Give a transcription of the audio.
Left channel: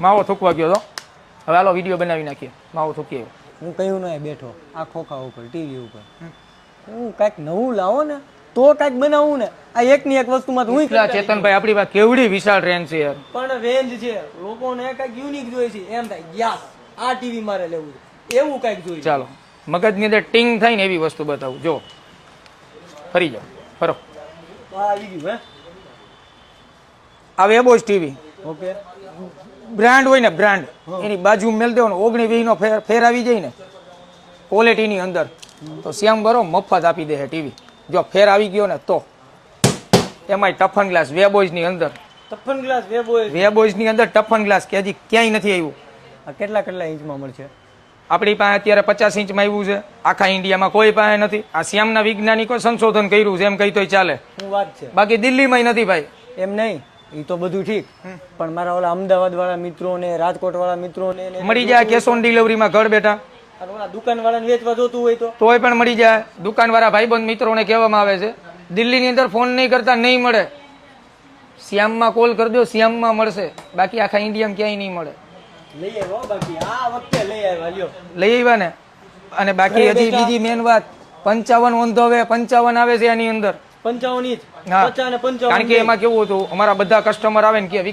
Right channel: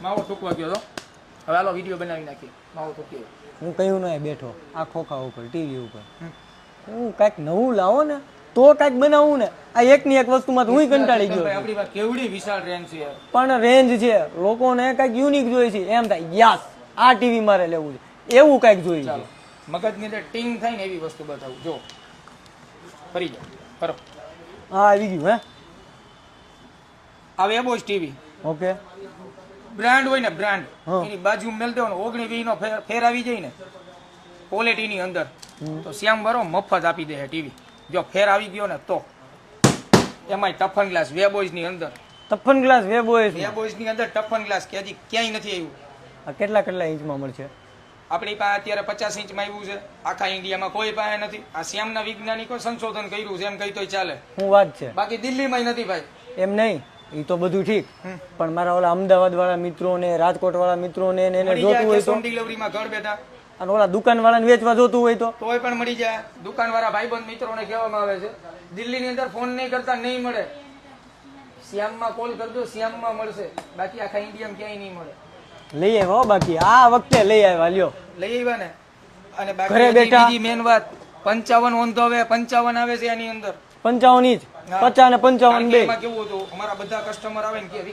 માવો થૂકવા ગયો તો હવે હાલો વિડીયો બનાવી નાખીએ માવો થૂકીએ હું કયું નહીં બેઠો આ ખોખા ઉપર ટીવી ઉપર હું કાંઈક નવું લાવો ને તો કાંઈક બનાવવું ને આ એકની એક વસ્તુમાં તો હું ચેતનભાઈ આપણી વાત કેવડી વિશાળ રેન્જ છે યાર પણ રેન્જ છે લોકોને કાંઈક યુનિક જોઈએ છે એમ થાય યસ આ ટીવી મારે લેવું છે એવું કાંઈક જોઈએ ચાલો મગજની અંદર ટિંગ થાય ને એવી વસ્તુ બતાવું જો ફરી જાઓ ફરો હા આવી ગયું હે આ વેબોઝ ટીવી ઓકે બ્રાન્ડ હોય ને બ્રાન્ડ એની બાજુ મેલ દેવાનો 19-20 નો ફેર આવી જાય ને ક્વોલિટીની અંદર તો શ્યામ બરો મફત આપી દે છે ટીવી જો ફેર આવી ગયો ને તો એમાંય ટફન ગ્લાસ વેબોઝ ની અંદર ટફન ગ્લાસ વેબોઝ ની અંદર ટફન ગ્લાસ કે હજી ક્યાંય નથી આવ્યું આ કેટલા કેટલા ઇંચમાં મળશે આપણી પાસે અત્યારે 50 ઇંચમાં આવ્યું છે આખા ઇન્ડિયામાં કોઈ પાસે નથી આ શ્યામના વૈજ્ઞાનિકો સંશોધન કર્યું છે એમ કહી તોય ચાલે શું વાત છે બાકી દિલ્હીમાં નથી ભાઈ એમ નહીં એ તો બધું ઠીક પણ મારા ઓલા અમદાવાદ વાળા મિત્રો ને રાજકોટ વાળા મિત્રો ને મળી જાય કેશ ઓન ડિલિવરીમાં ઘર બેઠા અને ઓલા દુકાન વાળાને વેચવા જોતું હોય તો તોય પણ મળી જાય દુકાન વાળા ભાઈબંધ મિત્રોને કહેવામાં આવે છે દિલ્હીની અંદર ફોન નહીં કરતા નહીં મળે શ્યામમાં કોલ કરી દો શ્યામમાં મળશે બાકી આખા ઇન્ડિયામાં ક્યાંય નહીં મળે લઈ આવ્યા બાકી આ વખતે લઈ આવ્યા લ્યો લઈ આવ્યા ને અને બાકી હજી બીજી મેન વાત 55 વંધો હવે 55 આવે છે આની અંદર 55 ઇંચ 50 ને 55 કારણ કે એમાં કેવું હતું અમારા બધા કસ્ટમર આવે ને કે